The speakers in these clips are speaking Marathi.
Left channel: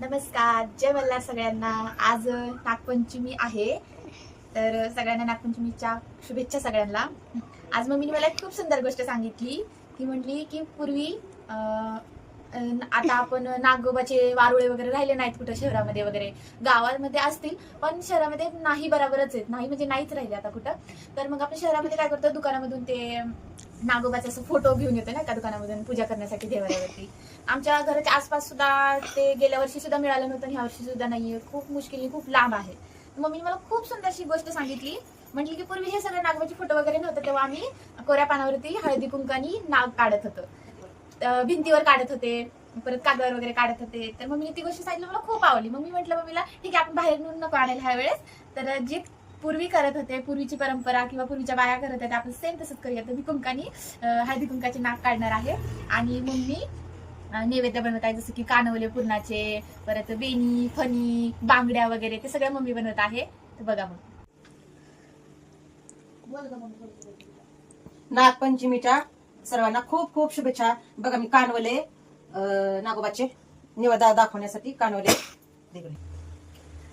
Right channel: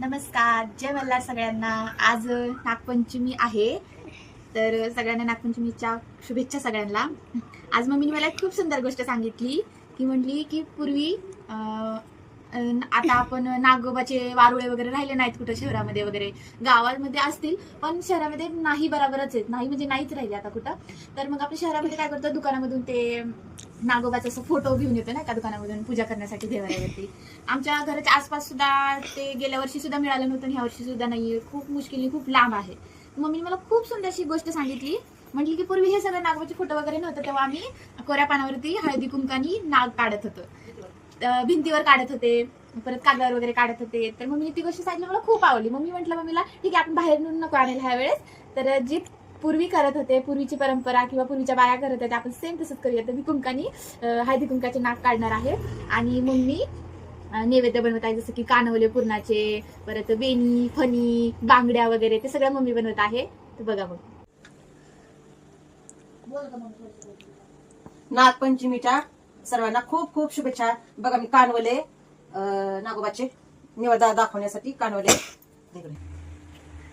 नमस्कार, जय मल्हार सगळ्यांना। आज नागपंचमी आहे, तर सगळ्यांना नागपंचमीच्या शुभेच्छा सगळ्यांना। आज मम्मीने मला एक खूप सुंदर गोष्ट सांगितली की म्हटली की पूर्वी आता आपण नागोबाचे वारुळे वगैरे राहिले नाहीत कुठं शहरामध्ये वगैरे, गावामध्ये असतील पण शहरामध्ये नाही, बरोबरच आहेत, नाही म्हणजे नाहीच राहिले आता कुठं। तर मग आपण शहरामध्ये काय करतो, दुकानामधून ते नागोबाचा असं फोटो घेऊन येतो ना, एका दुकानामधून पूजा करण्यासाठी देवाऱ्यावरती। आमच्या घराच्या आसपास सुद्धा ते गेल्या वर्षी सुद्धा मिळालं नव्हतं आणि ह्या वर्षी सुद्धा नाहीये, खूप मुश्किली, खूप लांब आहे। मम्मीने मला खूप सुंदरशी गोष्ट सांगितली, म्हटली की पूर्वी हे सगळं नागोबाचे फोटो वगैरे नव्हतं, तेव्हा आम्ही कोऱ्या पानावरती हळदी कुंकानी नाग काढत होतो, भिंतीवर काढत होते, परत कागदावर वगैरे काढत होते। तर मम्मीने ती गोष्ट सांगितली, मला खूप आवडली। मम्मी म्हटलं मम्मीला ठीक आहे, आपण बाहेरून नको आणायला ह्या वेळेस, तर जी पूर्वी करत होते, पूर्वीची परंपरा किंवा पूर्वीच्या बाया करत होत्या, आपण सेम तसंच करूया। तर मी कुंकानी हळदी कुंकाचे नाग काढणार आहे आणि मम्मी नैवेद्य बनवत आहे, जसं की कानवले पुरणाचे, परत वेणी, फणी, बांगड्या वगैरे, ते सगळं मम्मी बनवत आहे। तर बघा मग। नागपंचमीच्या सर्वांना खूप खूप शुभेच्छा। बघा मी कानवले नागोबाचे निवेद दाखवण्यासाठी कानवले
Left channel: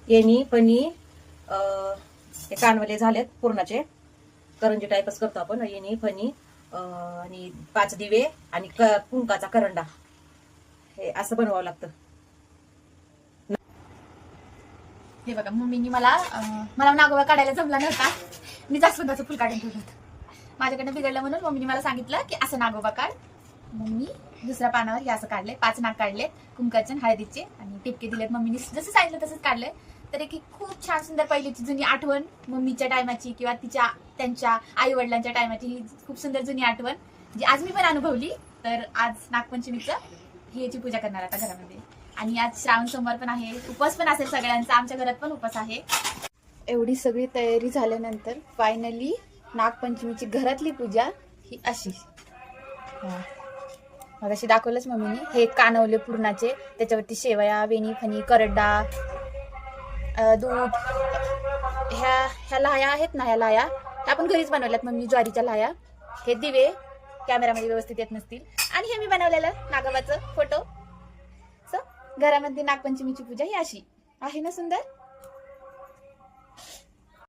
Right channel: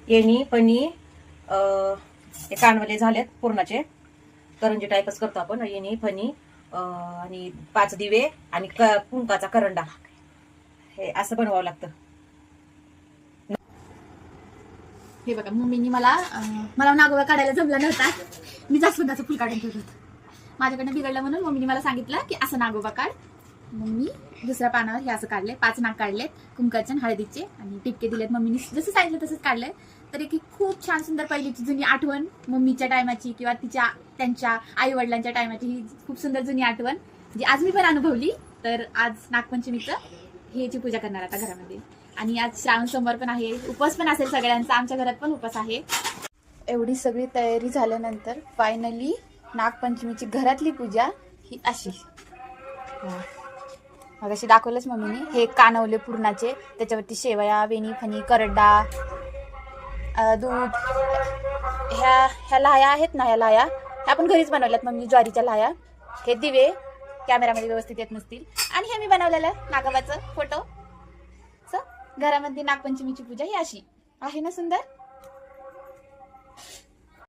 येणी फणी, हे कानवले झालेत पूर्णाचे, करंजी टाईपच करतो आपण। येणी फणी आणि 5 दिवे आणि कुंकाचा करंडा, हे असं बनवावं लागतं। हे बघा, मम्मीनी मला नागोबा काढायला जमला नव्हता, मी जास्वंदाचं फुल काढून ठेवलं होतं, माझ्याकडनं बिघडलं म्हणून मम्मीने मला सांगितलं की असं नागोबा काढ। मग मी दुसऱ्या पानावर हे असं काढलंय, 5 नाग काढलेत कुंकाचे हळदीचे आणि टिपके दिलेत, मम्मीने जसं सांगितलं तसंच काढलंय। तर एक खूप छान सुंदर पहिलीची जुनी आठवण मम्मीच्या टायमाची किंवा त्यांच्या आई वडिलांच्या टायमाची, ही खूप सुंदर जुनी आठवण जी आज मी पण अनुभवली। तर आज नागपंचमीचं ह्याची पूजा करणार आता घरामध्ये, आणि आज श्रावण सोमवार पण आहे, उपवास पण असेल सगळ्यांचा, आमच्या घरात पण उपवास आहे। एवढी सगळी तयारी झाल्यानंतर फायनली नागपंचमीची घरातली पूजा ही अशी, मग अशी दाखवलंच मम्मीने। हे कानवले पुरणाचे, त्याच्यावरती शेवया, वेणी, फणी, करडा, दूध, ह्या लाह्या आहेत ना, ह्या लाह्या ह्या आपण घरीच बनवल्यात मम्मी, ज्वारीच्या लाह्या। हे दिवे कॅमेरामध्ये व्यवस्थित येत नसतील, आणि हे मी बनवलेलं नागोबाचं फोटो। घरामध्ये नागपंचमीची पूजा ही अशी आहे ना, सुंदर।